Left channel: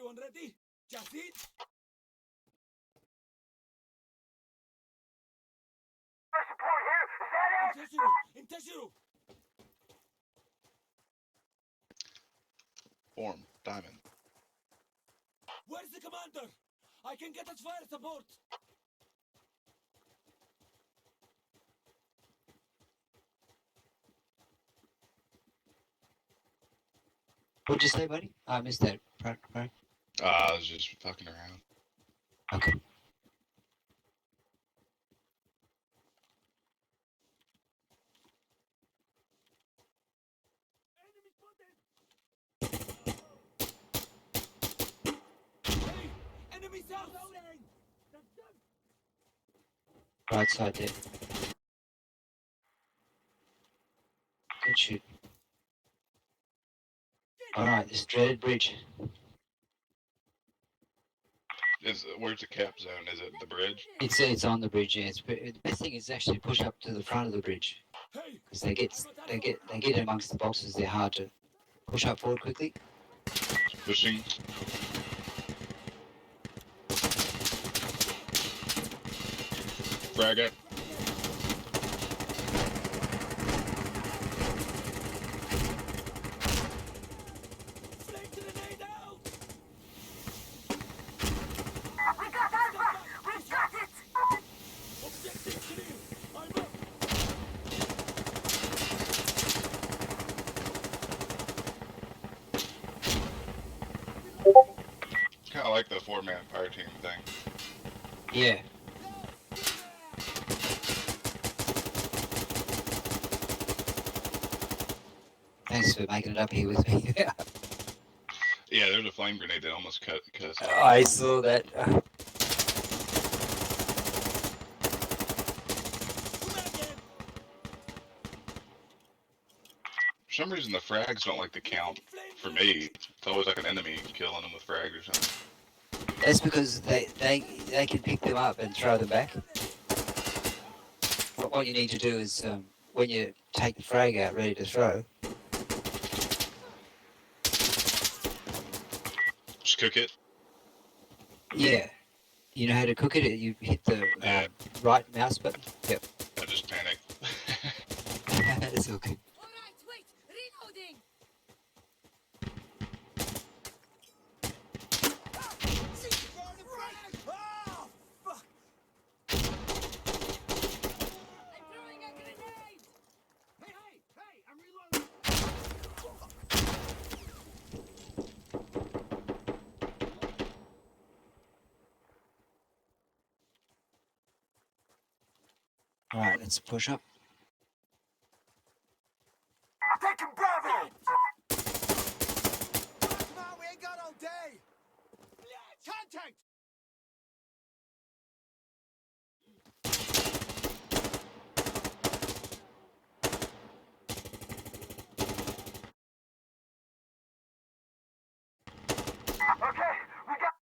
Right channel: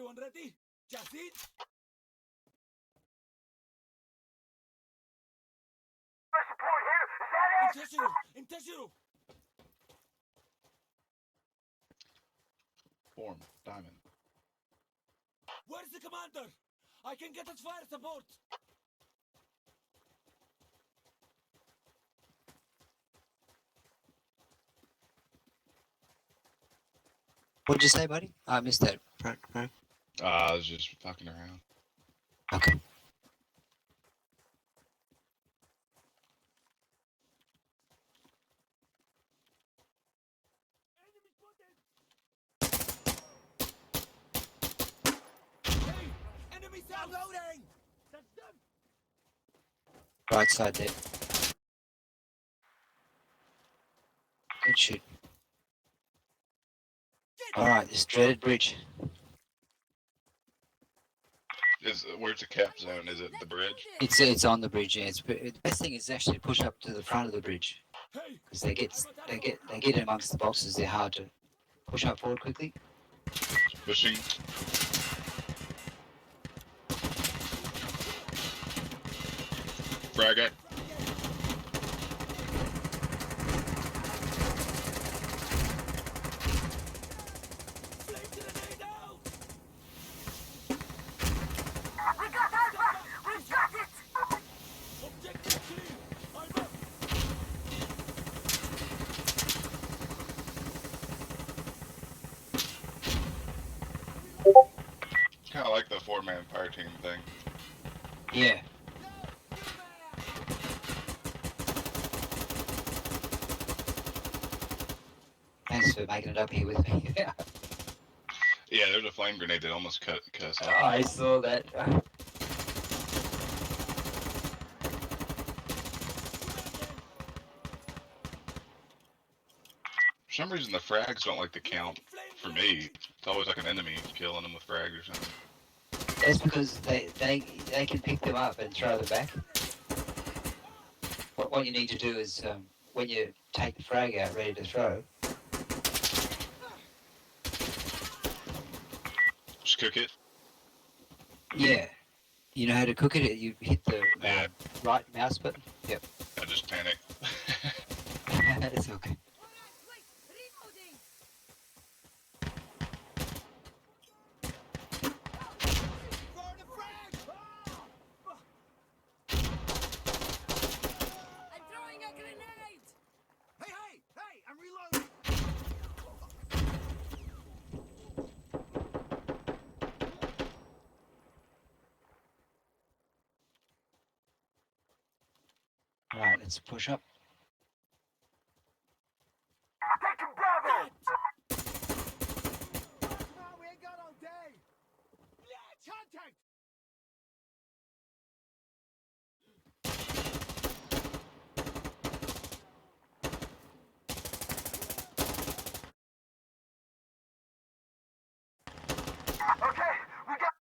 Everyone ready? Jazid? Support here. Is that it? Intashiru! Form, diamond. Where's the commander? I can get us fire support. What'd you say, buddy? I missed that. Right. I was just fucking around. Okay. Hey! Enemy south! Loading! That's them! Right side there. Good shoot. Alright, this dreaded bridge. Where's the cap zone? Is it the bridge? It's on the bridge. Yeah. The best thing is actually push up to the front of the bridge Hey! because they get amongst the boxes. They're hard to push up forward quickly. Pushing. Frag it. Flame grenade out! We got Alpha. We've got it. Objective clear! I'm up! Kind of like the 4-man fire team thing. Yeah. Thanks for making it up here with me. Yeah, there's a flame grenade that almost cut us off. I saw that. For some reason, the frags don't like to count. For me, it's always like an enemy killing them with frags or something. That's because they can pick them up and throw them back. What you need to do is when you take the frag out ready to throw, Just cook it. yeah, you know how to cook it. You hit the Yeah. right mouse button. Yep. I just panicked. That's all good. Alright, wait! Reloading! I'm throwing a grenade! Hey! I'm reloading! All right, let's push up. Taking Bravo. Come on, we ain't got all day! Contact! Okay, we got.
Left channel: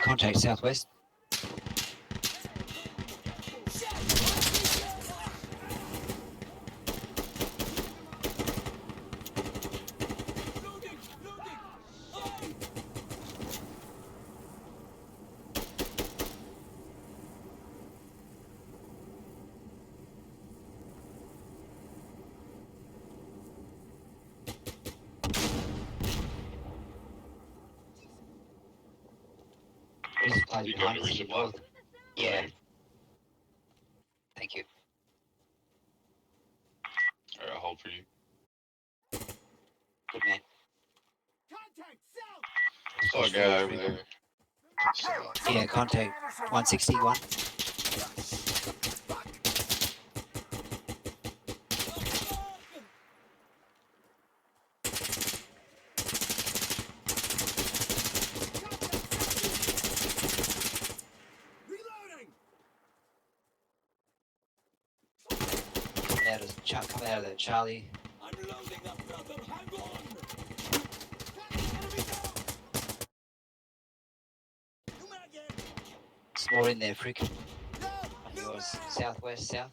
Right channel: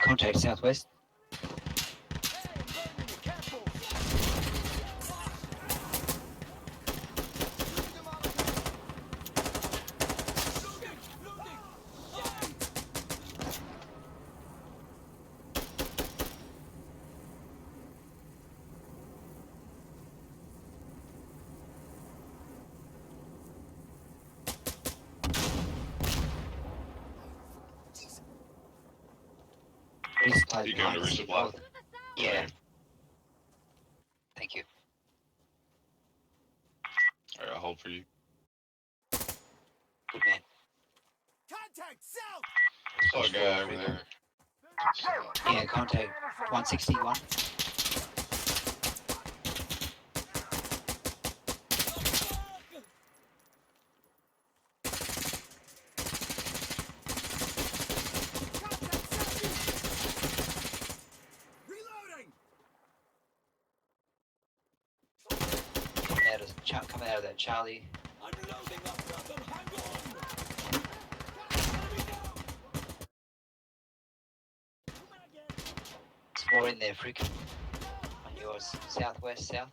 Contact southwest. Loading! Aye! Resupply You behind going to us to the resupply? north. Yeah. Thank you. Alright, I'll hold for you. Good man. Contact south! Oh, guy over there. Yeah, contact 161. Reloading! Come out of that Charlie. I'm loading up, brother! Hang on! Enemy down! There's more in there, freak. On yours, southwest, south.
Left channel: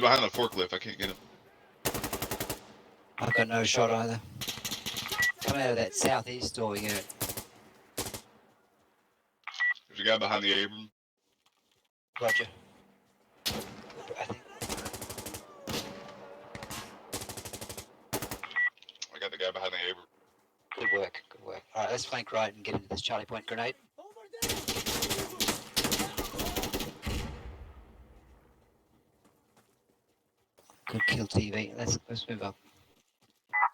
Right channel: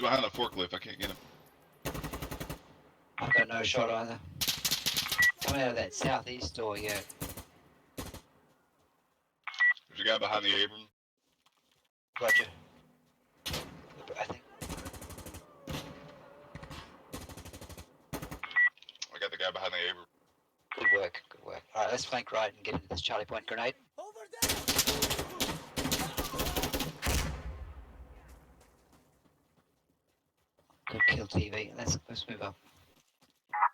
He's behind the forklift. I can't get him. I've got no shot either. Coming out of that southeast door, yeah. There's a guy behind the Abram. Roger. I think. I got the guy behind the Abram. Good work, good work. Alright, let's flank right and get into this Charlie Point grenade. Over there! Good kill TV. Let's move up.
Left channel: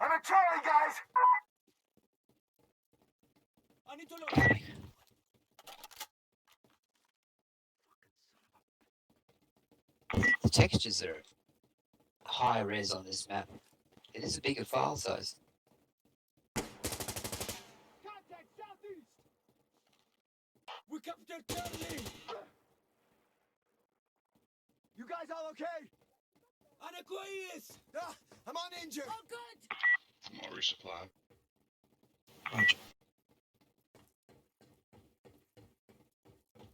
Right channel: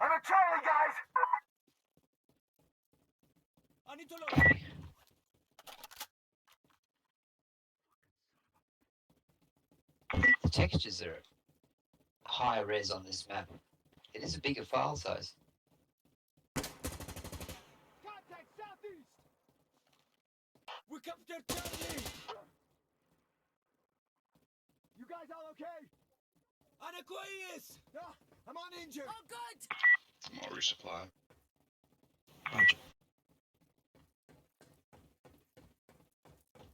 I'm a Charlie, guys. I need to look. Copy. I think the textures are high res on this map. It is a bigger file size. Contact southeast! We captured Charlie! You guys all okay? أنا كويس! I'm uninjured. Oh, good! I'm gonna resupply. Roger.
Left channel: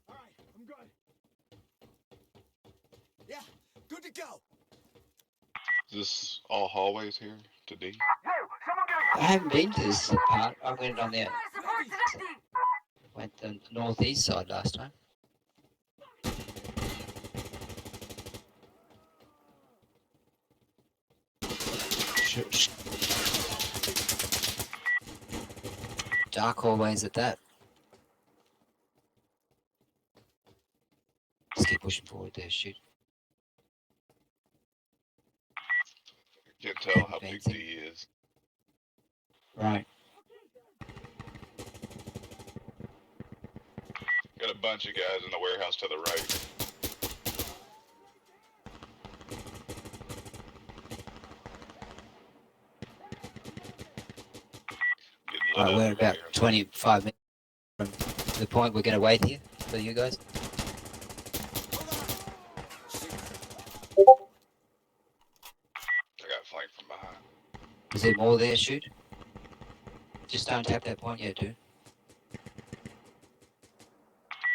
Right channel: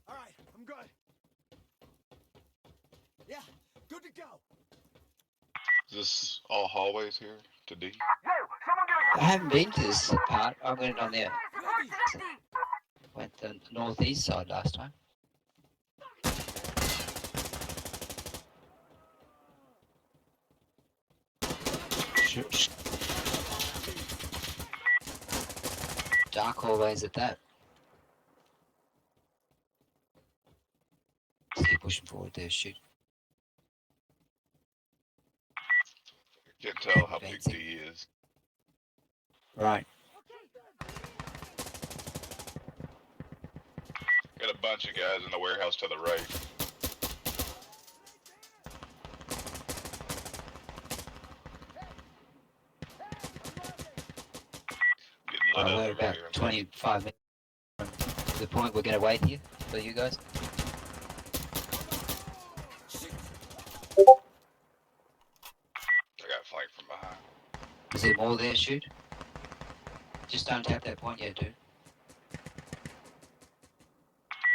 All right, I'm good. Yeah, good to go. Is this all hallways here to D? Yo, someone get I haven't been to this part. I went on the a... went the northeast side last time. Dark hallways at that. Just keep pushing forward there, shoot. Can't tell how big D is. Right. Got a bunch of guys in the warehouse to the right. Getting lit Alright, up we're over about here. 25 minutes from the point we're going to wait here for you guys. I got flanked from behind. Is there more there, shoot? Just don't tap that point yet, dude.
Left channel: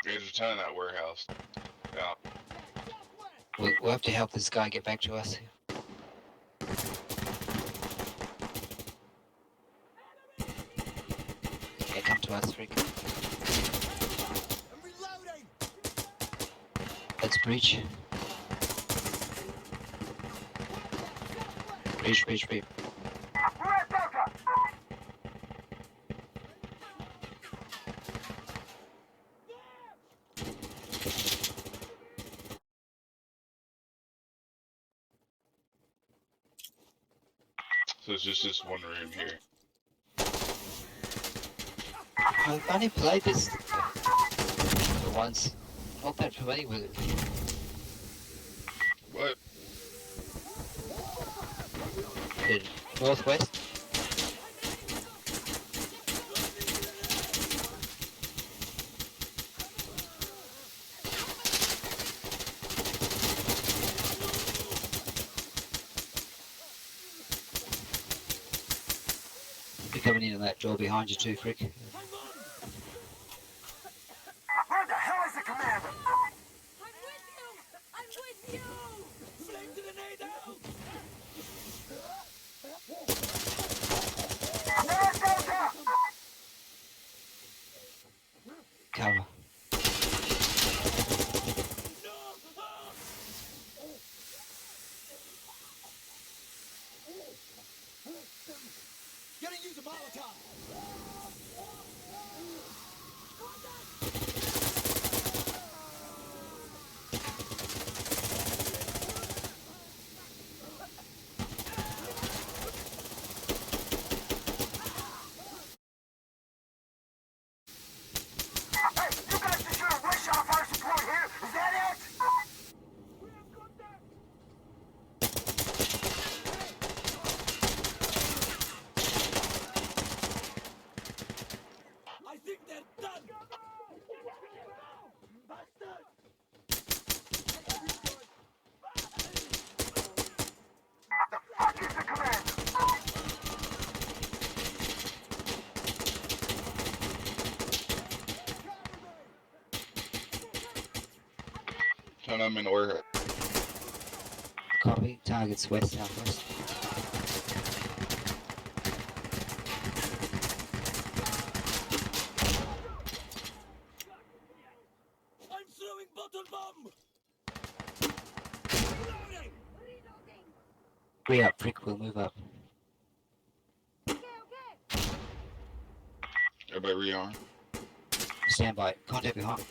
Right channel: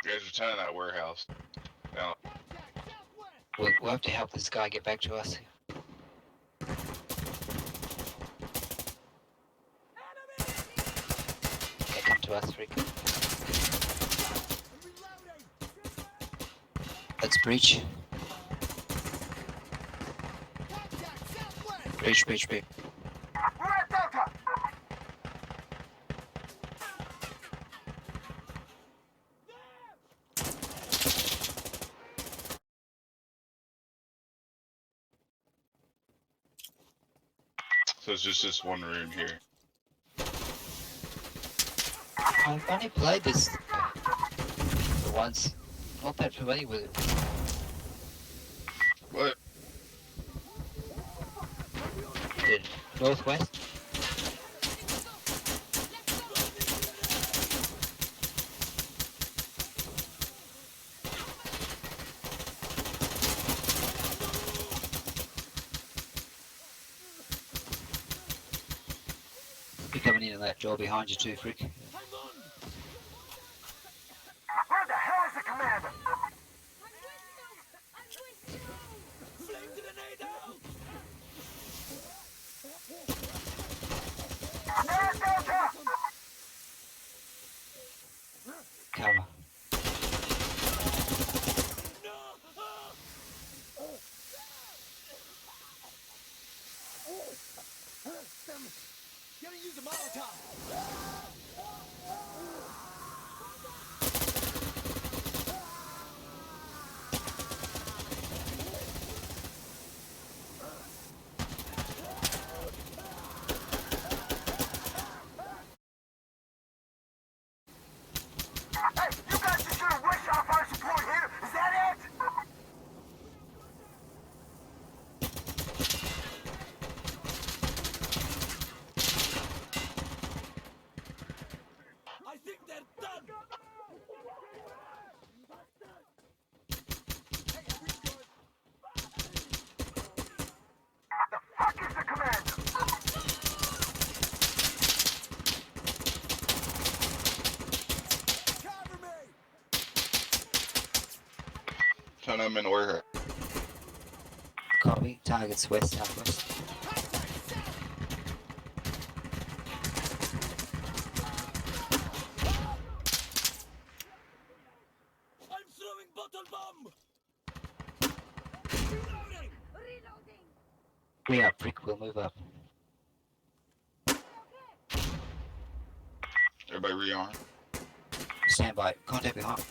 You guys are turning that warehouse. Down. We'll have to help this guy get back to us. Yeah, come to us, Rick. I'm reloading! Let's breach. Breach, breach, breach. We're at Delta. So it's just this one room here. I've only played this for once. Not that familiar with it. What? The northwest? You're coming in on that door behind you too, Frick. Hang on! Where the hell is the commander? I'm with you! Flame grenade out! They're at Delta. Cover. No! Gonna use a Molotov! Hey, you guys just gonna rush off our support here? Is that it? I think they're done! The fuck is the commander? Cover me! Turn them in the warehouse. Copy. Copy. Targets west, southwest. I'm throwing bottle bomb. Reloading. Reloading. We up, Prick. We'll move up. Okay, okay. Everybody rearm. Stand by. Contact behind.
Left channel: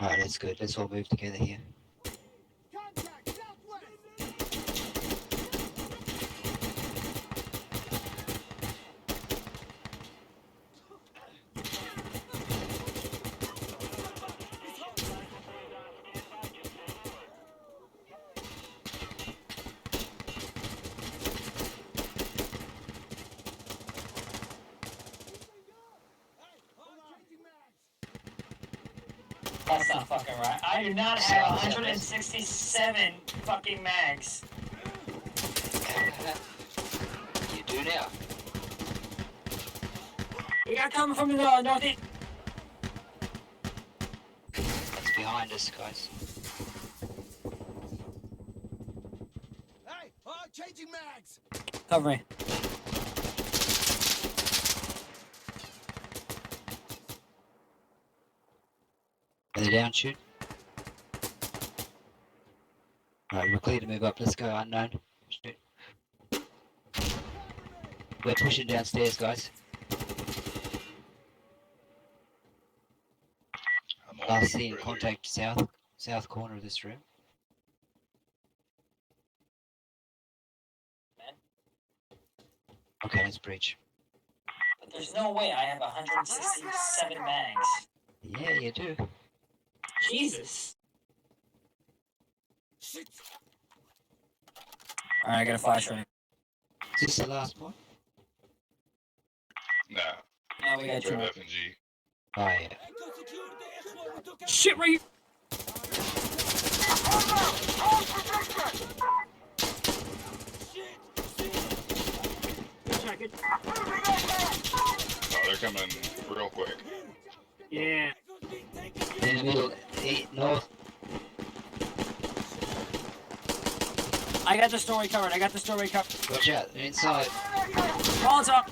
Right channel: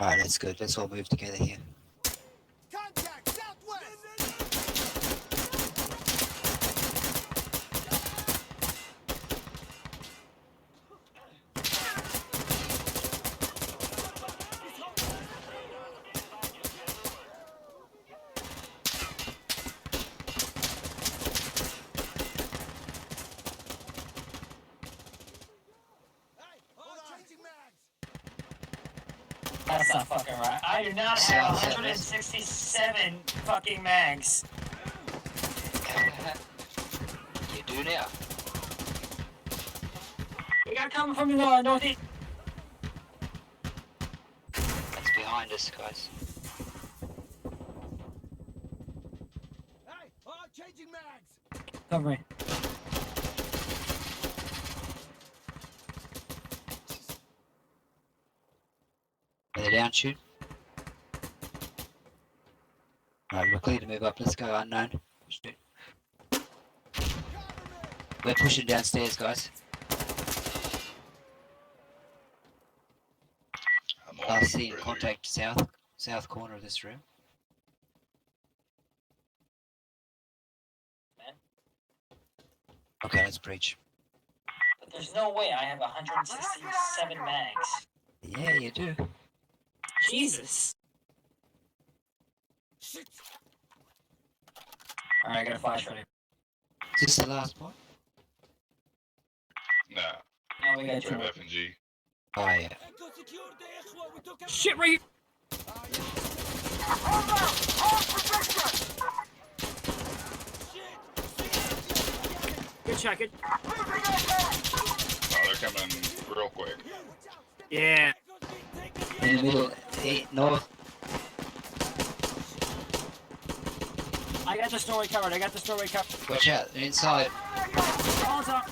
Alright, that's good. Let's all move together here. Contact southwest. Hey, changing mags. That's not fucking right. I do not have South 167 fucking mags. You do now. We got coming from the northeast. That's behind us, guys. Hey, changing mags. Cover me. Are they down, shoot? Alright, we're clear to move up. Let's go, unknown. Shoot. We're pushing downstairs, guys. I'm on Last seen further. contact south corner of this room. Man. Okay, let's breach. But there's no way I have 167 mags. Yeah, you do. Jesus. Shit. Alright, I got a flashlight. Is this the last point? Nah, No, we got we two. have F and G. Oh, yeah. Echo secured the Ikhwa. We took Shit, right here. Hold up! Hold position! Shit. Good shot, good. Moving ahead! Oh, they're coming real quick. Yeah. Echo's being taken. In the middle, north. I got the story covered. Watch out, they're inside. Balls up.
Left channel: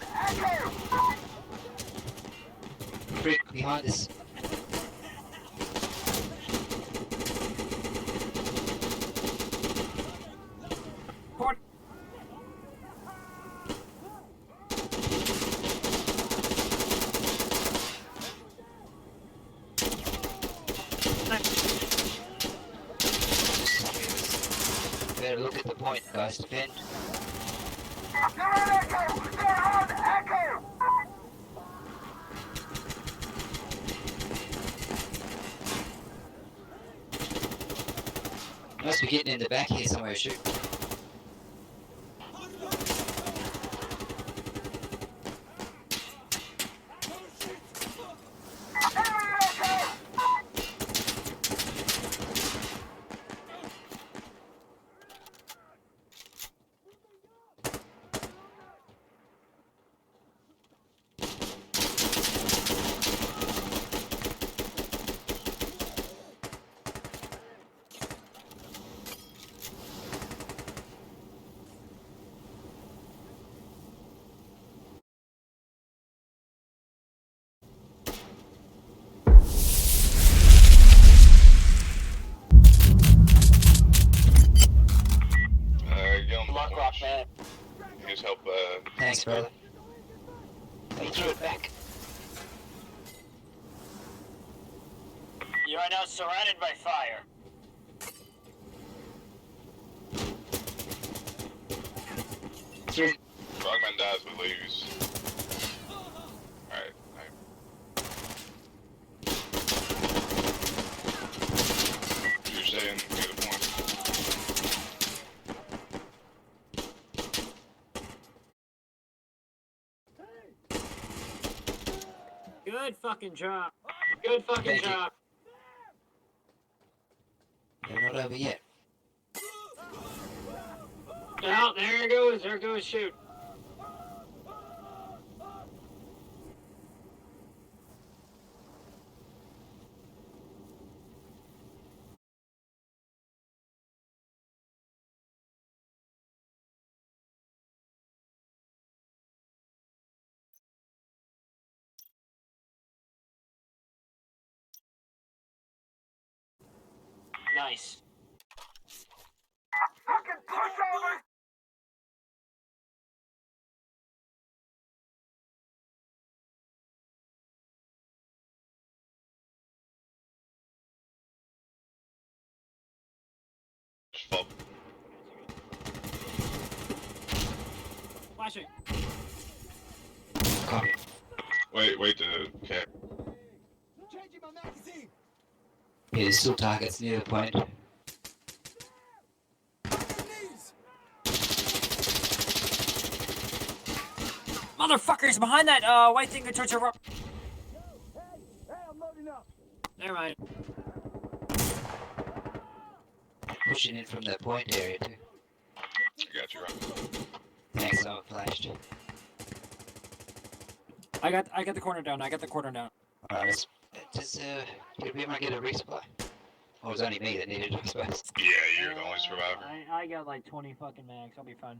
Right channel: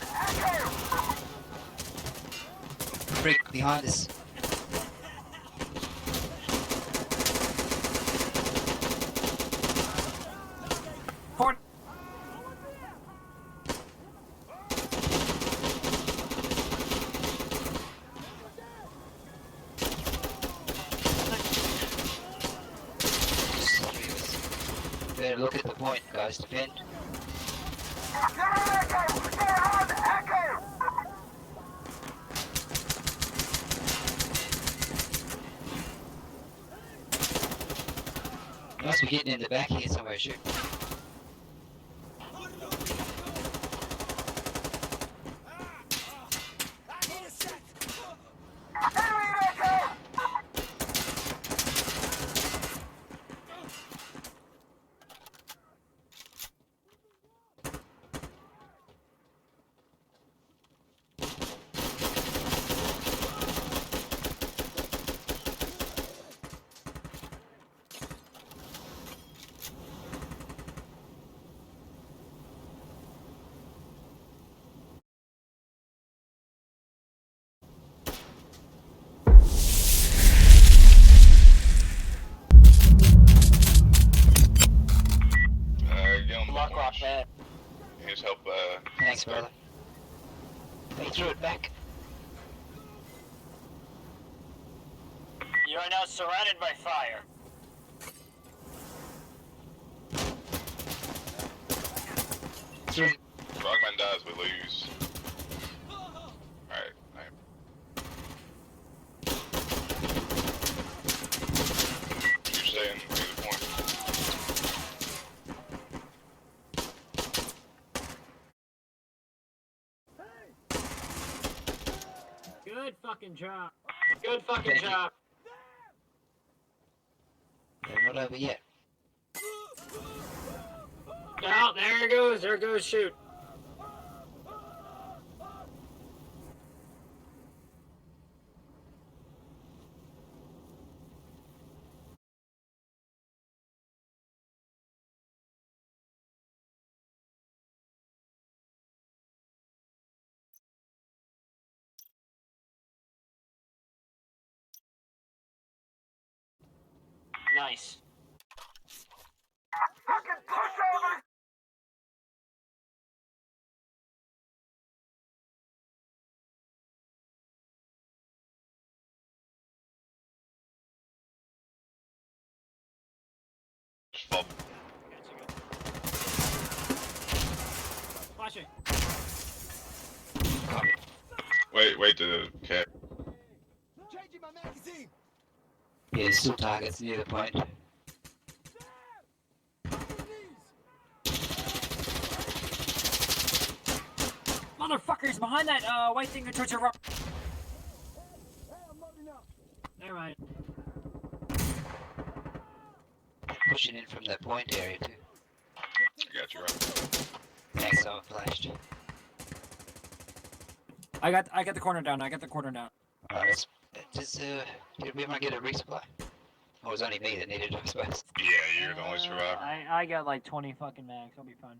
Frick, behind us. Port. Better look at the point, guys. Defend. They're on Echo! They're on Echo! Must be getting in the back here somewhere. Shoot. Enemy Echo! Get on the Lock rock, points. man. Here's help, Thanks, brother. He threw it back. You are now surrounded by fire. Through. Frogman dies, we lose. Alright, alright. You're saying near the point. Good fucking job. Good fucking Thank you. job. They're not over yet. Oh, there it goes. There goes shoot. Nice. Fucking pushovers! Just fall. Flashing. Copy. Wait to okay. Changing my magazine. Yeah, there's still targets near the point. Knees. Motherfuckers behind that white thing that towards your rock. Hey, I'm loading up. Never mind. Pushing in from that point area too. I got you right. Thanks, someone flashed. I got the corner down. I got the corner down. Alright, did we ever get a resupply? Or was it only me that needed it, I suppose? Yeah, you're the only survivor. I got like 20 fucking mags. I'll be fine.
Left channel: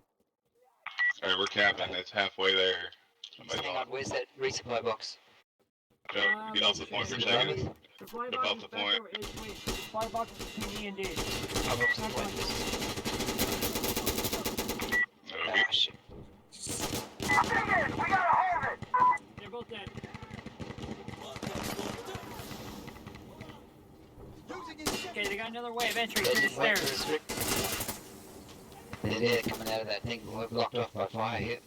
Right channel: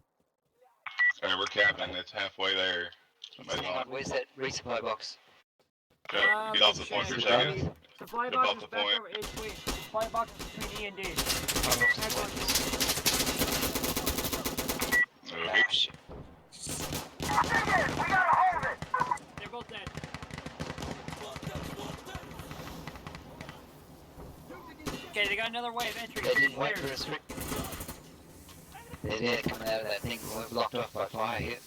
Alright, we're capping. It's halfway there. Just Somebody's hang on, on. where's that resupply box? Get off the point for a second. Supply Step box off is the back point. over. Wait. Supply box is between E and D. I'm off the point, yes. Okay. Ah, shit. Dig it! We gotta hold it! They're both dead. Okay, they got another way of entry. They from the didn't wait for stairs. us, Rick. They're there coming out of that thing. We're blocked off by fire here.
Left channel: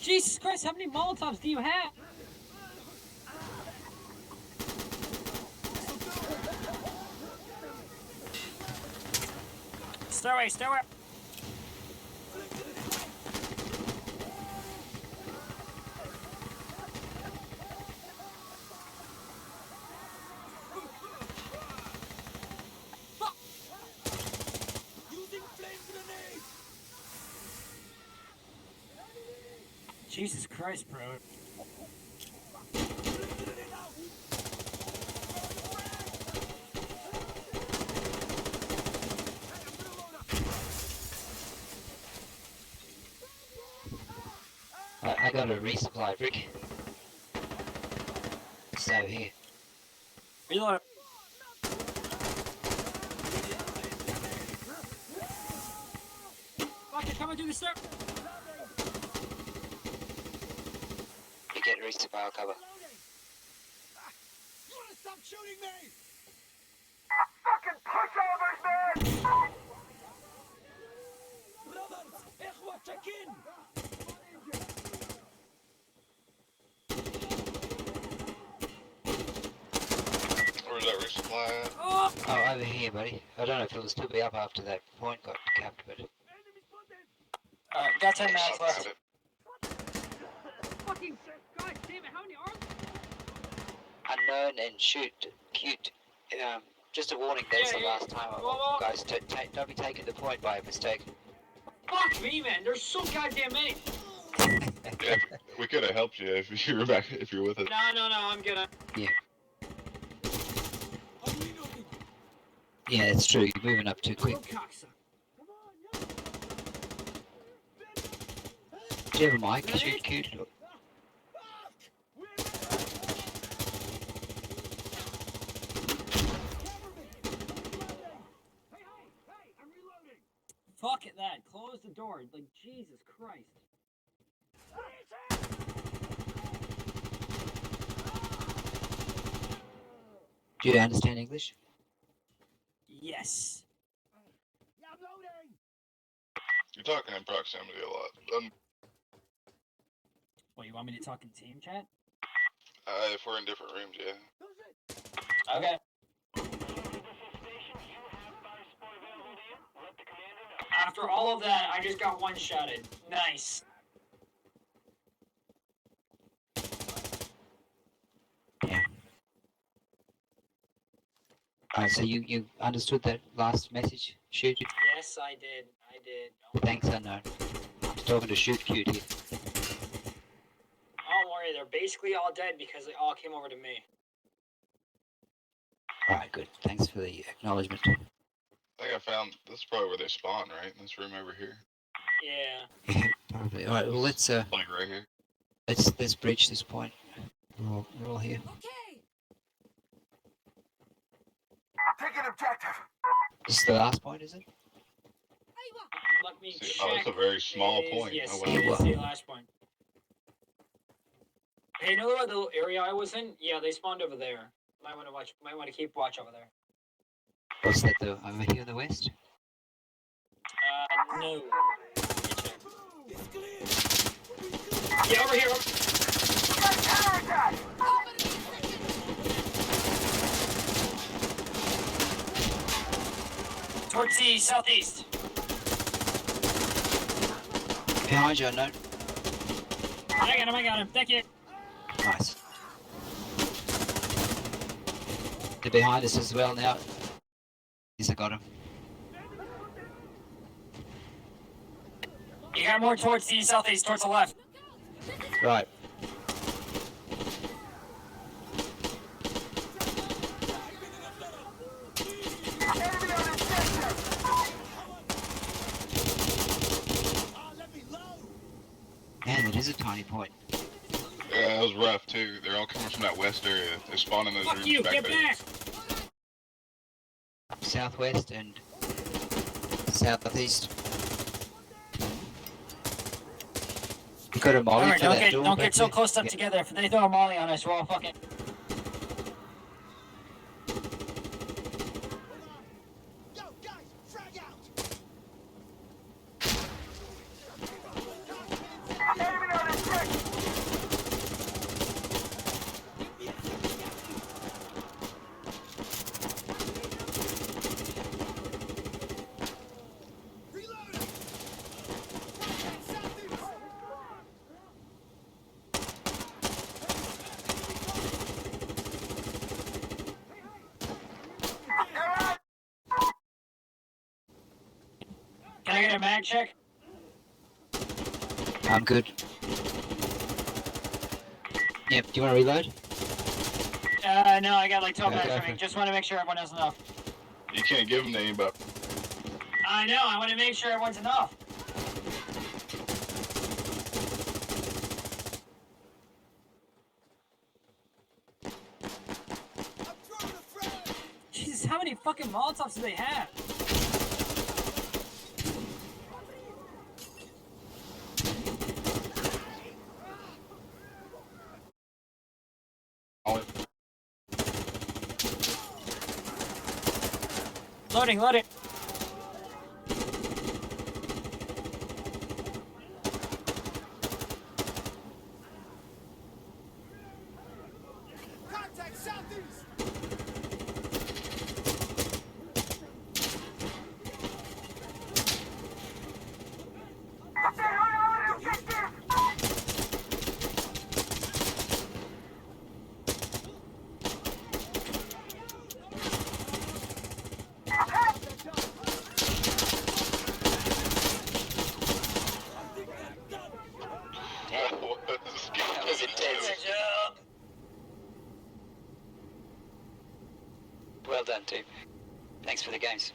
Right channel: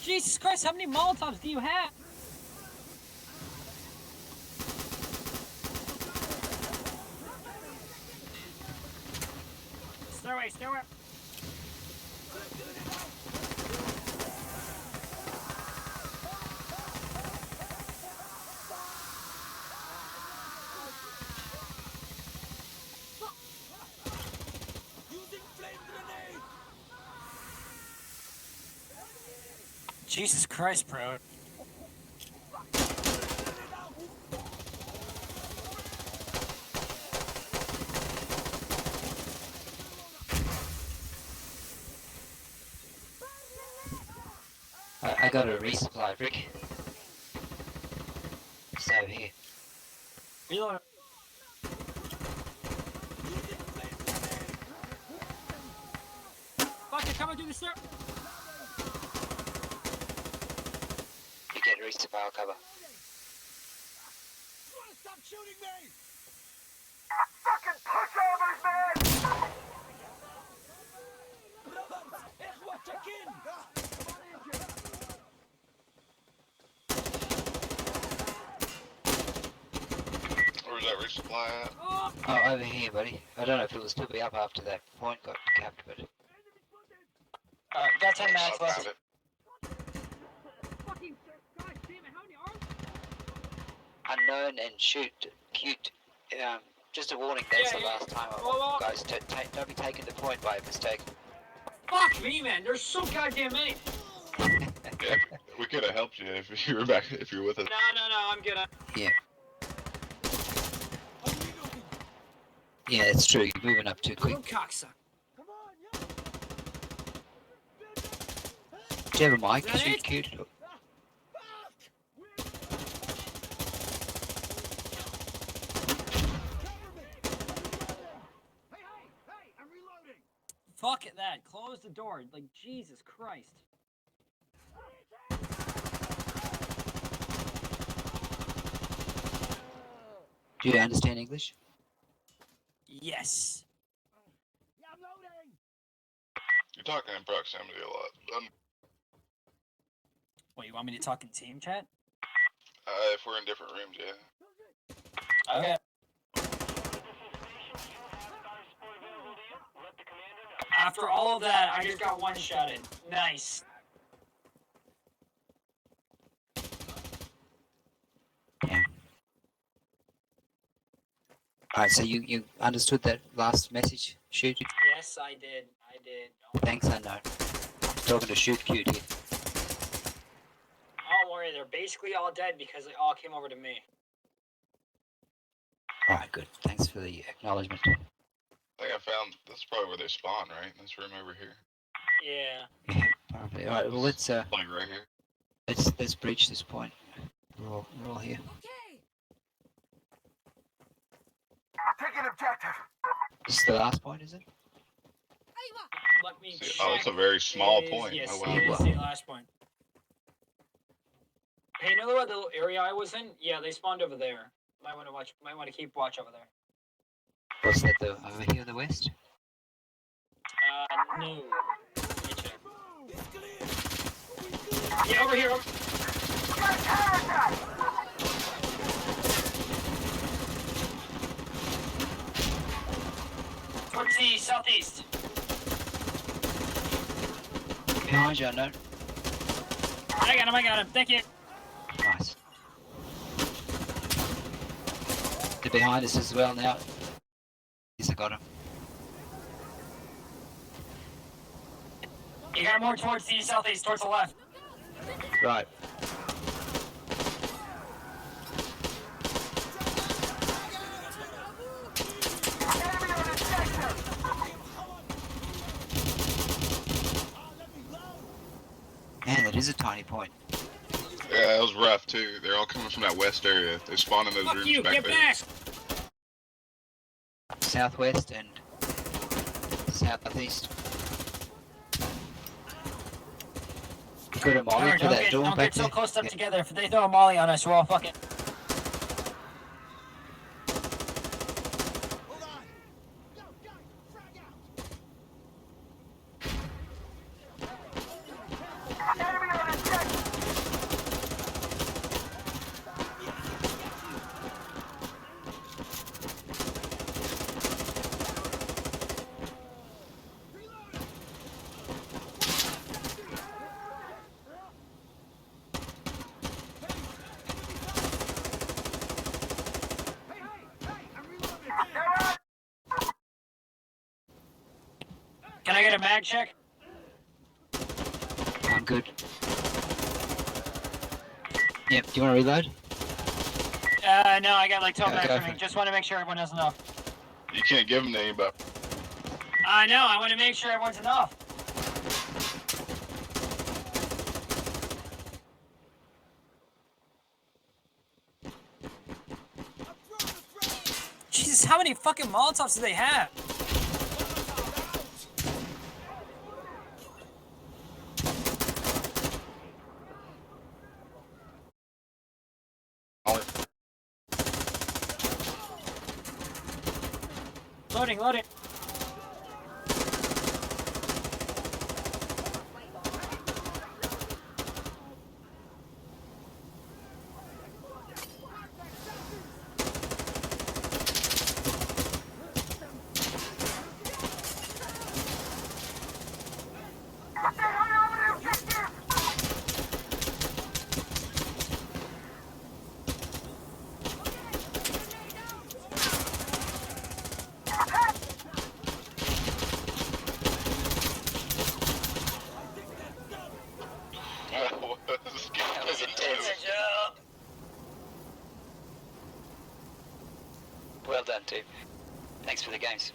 Jesus Christ, how many Molotovs do you have? Stowaway. Using flame grenade. Jesus Christ, bro. I got a resupply, Rick. So here. Reload it. Fuck, they're coming through the stair. You get resupply cover. You wanna stop shooting me? Fucking pushovers, man! Brothers, Ikhwa, check in. Where's that resupply at? Oh, Oh, over here, buddy. I don't know if it'll still be up after that point got capped, but got 10 mags I left. found it. Fucking God damn it, how many arms? unknown and shoot cute. Just a warning. That's Yeah, the yeah. last time, Whoa. guys. Don't be taking the point by mistake. Fuck me, man. There's so goddamn many. Yeah, we could have helped you if you were back. If you're with us. No, I'm good. Yeah, I'm reloading. yeah, it's true. You're moving up too quick. Cocksucker. Come on, yeah. Do you have a mic? Shoot cute. Fuck! Cover me! Hey, I'm reloading! Fuck it, that. Close the door. Like, Jesus Christ. Do you understand English? Yes. Yeah, I'm loading! You're talking in proximity a lot. What, you want me to talk in team chat? If we're in different rooms, yeah. Okay. After all of that, I just got one-shotted. Nice. Yeah. Alright, so you understood that last message? Shoot. Yes, I did. Thanks, unknown. Talking to shoot cute here. Don't worry, they're basically all dead because they all came over to me. Alright, good. Thanks for the acknowledgement. I think I found this is probably where they spawn, right? In this room over here. Yeah. Probably. Alright, well let's Like right here. let's bridge this point. We're all here. Okay. Taking objective. This is the last point, is it? Let me See, check. oh, that's a very small It is- point. Yes, Oh, it wow. is the last point. Hey, you know what the little area I was in? Yeah, they spawned over there. Might want to watch. Might want to keep watch over there. What's that though? Over here in the west? No. Let me check. It's clear. Yeah, over here. Got a counterattack. Towards the southeast. Behind you, unknown. I got him. Thank you. Nice. They're behind us as well now. Yes, I got him. You got more towards the southeast, towards the left. Right. Enemy on objective. Let me low. Man, that is a tiny point. Yeah, it was rough too. They're all coming from that west area. They spawn in those Fuck rooms you, back get there. back! Southwest and southeast. You got a molly Alright, for that door don't back get so there? close up Yeah. together. If they throw a molly on us, we're all fucking. Hold on. Go, guys. Frag out. Enemy on objective. Reloading. Can I get a mag check? I'm good. Yep, do you want to reload? No, I got like 12 Okay, minutes okay. for me. Just want to make sure everyone has enough. You can't give them the aimbot. I know, I want to make sure everyone's enough. I'm throwing a frag. Jesus, how many fucking Molotovs do they have? Loading. Contact southeast. That was intense. Well done, team. Thanks for the games.